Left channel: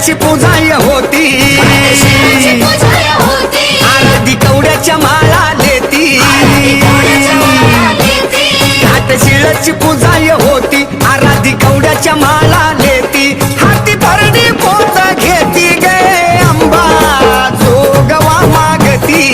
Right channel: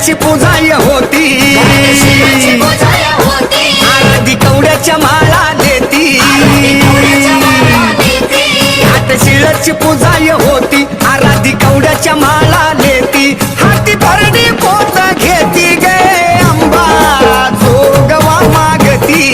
शिळची पूजाय होती आराधी कवड्याच्या माळा लेती घाट शिळची पूजाय होती आराधी कवड्याच्या माळा लेती हाती भरडी पोत घेती गे अंबा जोगवा मागती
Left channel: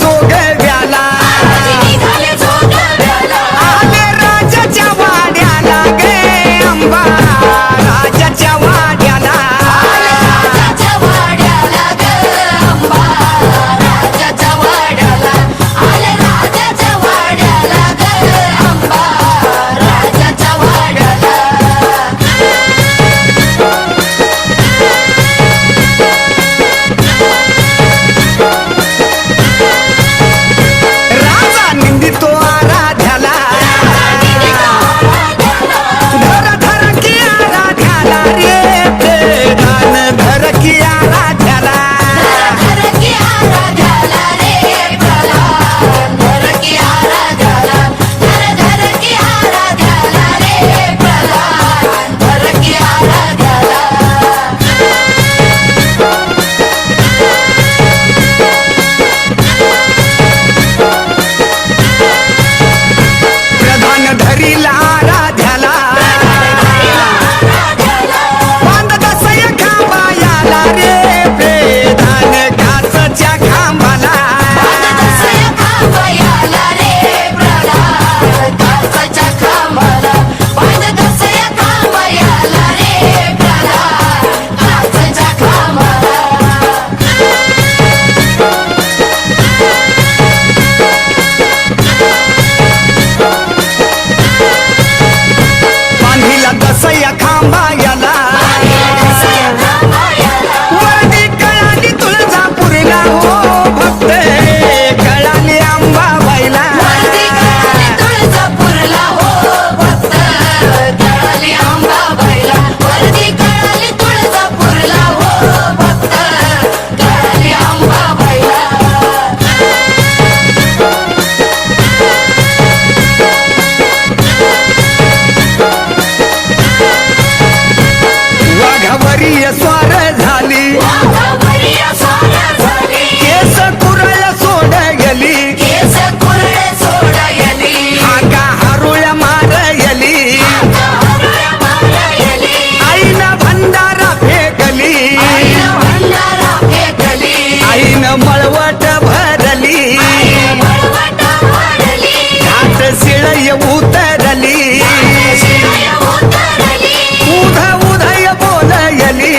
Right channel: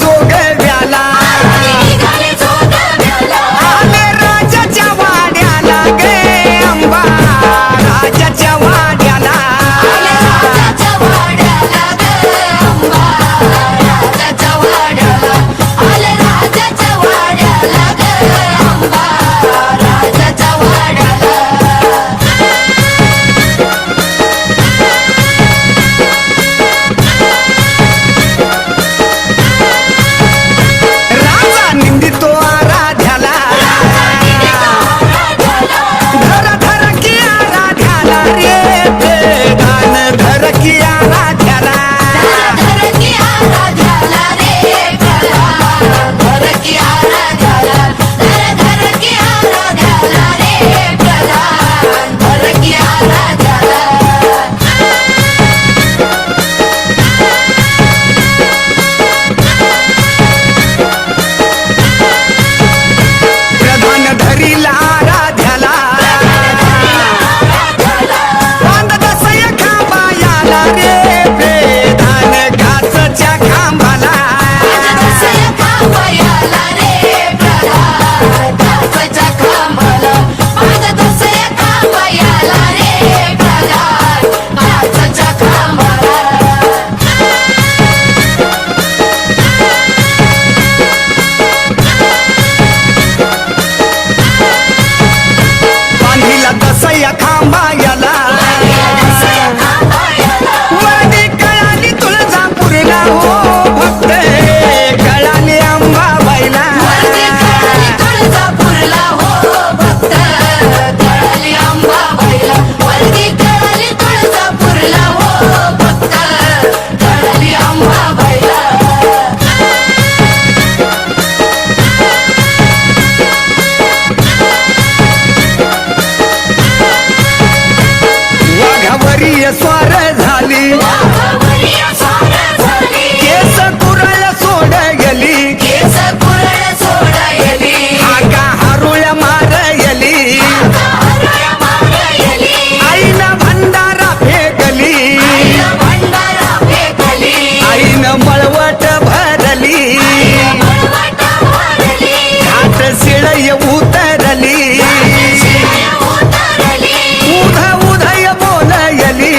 जोगव्याला आले राजाच्या वाड्याला गे अंबा राजाच्या वाड्याला तो आराध्याला धर धर की आराध्याला रे प्रधान धर की आराध्याला धरीला आराध्याला बांध दसय खांबायाला रे प्रधान घासच्या खांबाला दसया खांबायाला वर्दी कळाली तुळजापूरला हो भक्त कळाली अंबाबाईला वाघावरी स्वार झाली केस कुरळ सोड गेली हाका हारुळ्या मारयली आईनं भंडारा फेकली आईनं मळवट भरली घाट शिळय उतरली उध उधय बोलयली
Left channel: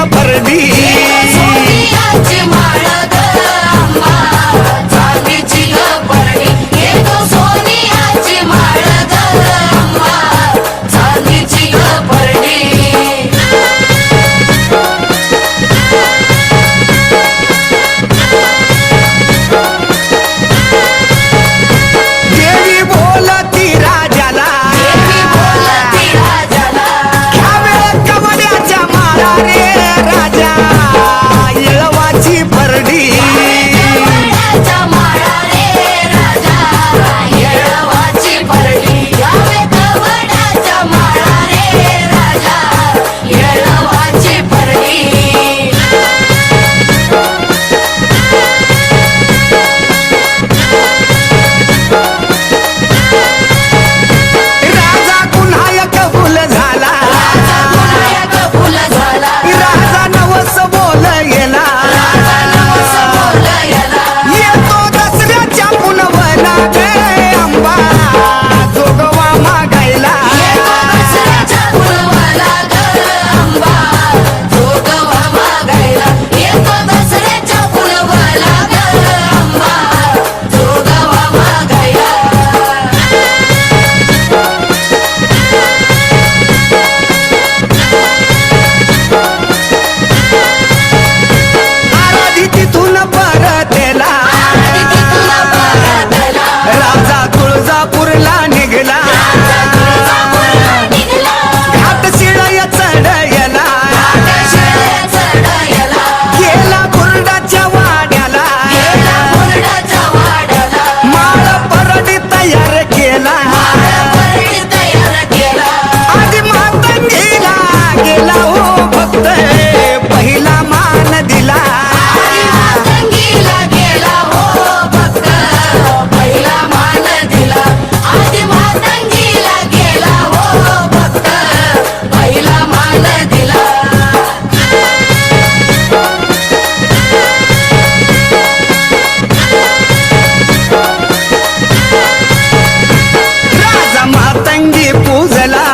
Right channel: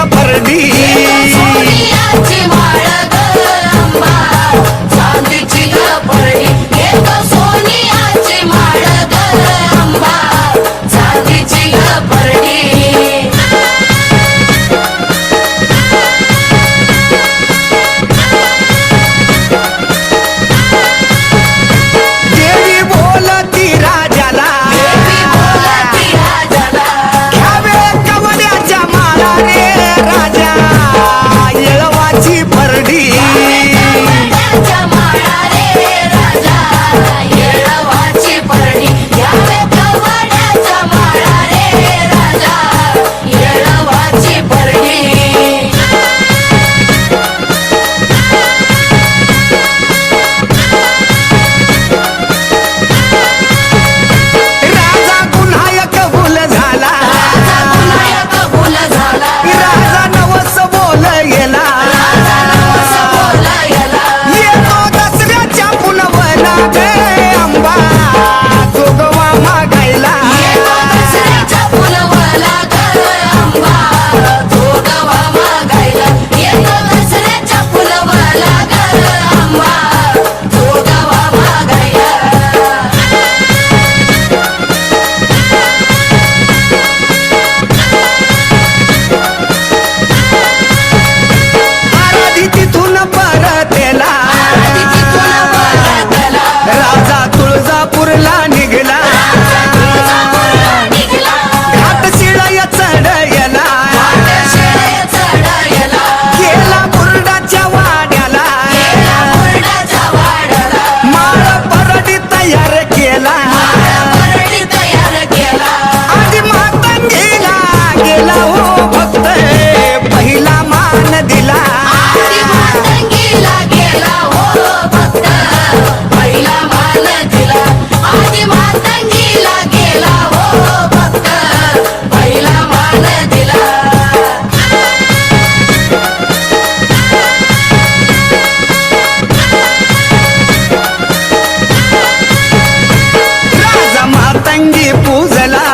ग परडी देवी बोलती राजाला घ्यावे कवड्याच्या माळा रे राजा येळवाची परडी राजा गुन्हा कबूल झाला राजा नवस बोल गेला येतो दसऱ्याच्या पुनवला गे अंबा जोगवा मागायला आराधी तिथून परतेला राजा तुळजापूरला निघला घाट शिळया चढयला गेला बुरडाच्या वाड्याला माळ परडी तयार केला आधी मातंगीला गेला हो भक्त पहिला मान दिला राजा मातंगी पूजला